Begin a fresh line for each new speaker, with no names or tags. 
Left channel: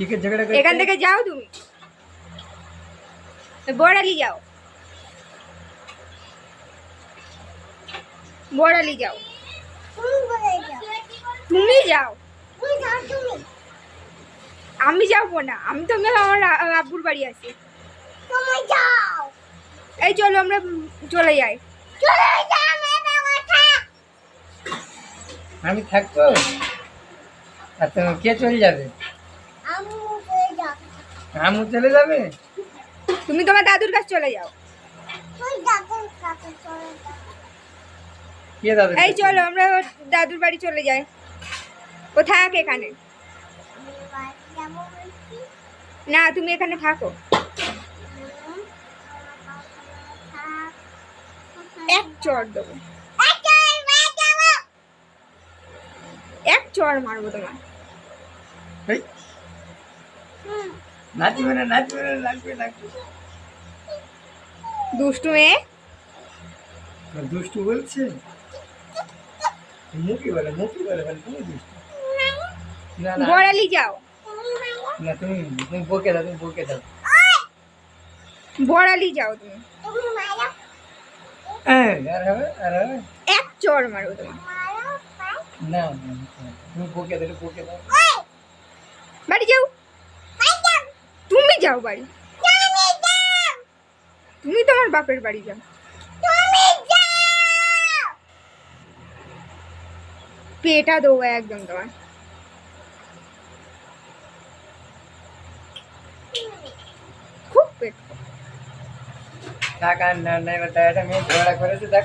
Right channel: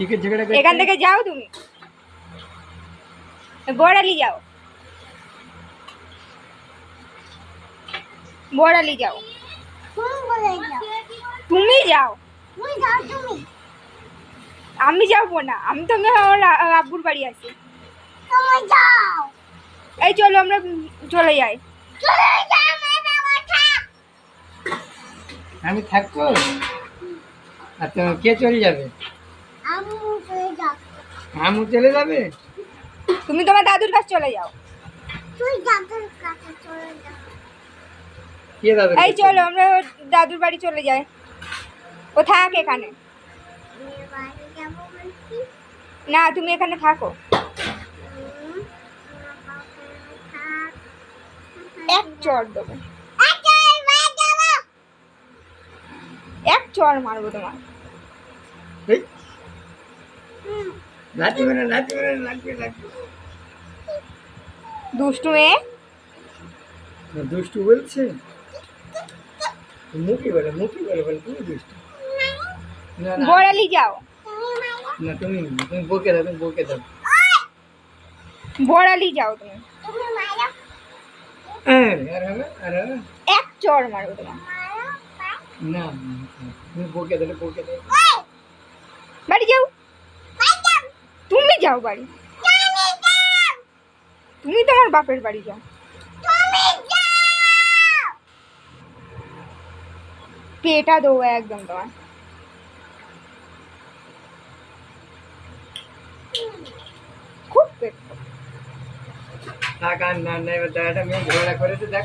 কিসের ঝগড়া করছিস?
এখান থেকে যাও তুমি, বড়ালি যাও, বড়ালি যাও, তুমি যাও। আমি যাবো না, আমি তো আমার আব্বুর বাড়ি আছি। এই চলো আমরা চলে যাই।
আমি থাকবো আর তোমার কে চলে যাবে? আমু চলে যাবে।
তুমি তোমার দাদুর কাছে চলে যাও।
কে যাবে?
এই চলো আমরা ওর দাদুর বাড়ি চলে যাই, ও থাক এখানে। না তুমি এখানে থাকো। এক চড় দেবো, এক চড় মারবো তোমার।
এই, নাচবে না, নাচবে না, নাচবে, নাচবে।
দুষ্টু মেয়ে।
দুষ্টু বলছে, মুখে বলে, মুখে বলে, বলে তুমি দুষ্টু। না না
বড়ালি যাও,
না, তুমি তুমি বকে দাও, তুমি বকে দাও।
বড়ালি যাও তুমি।
আর হবে, আর হবে।
এক চড় মারবো তোমার।
না না, তুমি বকে দাও, বকে দাও।
বাড়ি যাও, তুমি যাও বাড়ি, তুমি তোমার বাপের বাড়ি যাও। পেটা দেবো একদম তোমার। খুব পেট।
থাক আর না, না, এবার দেখা মেয়ে ঝগড়া করেছে, দেখ।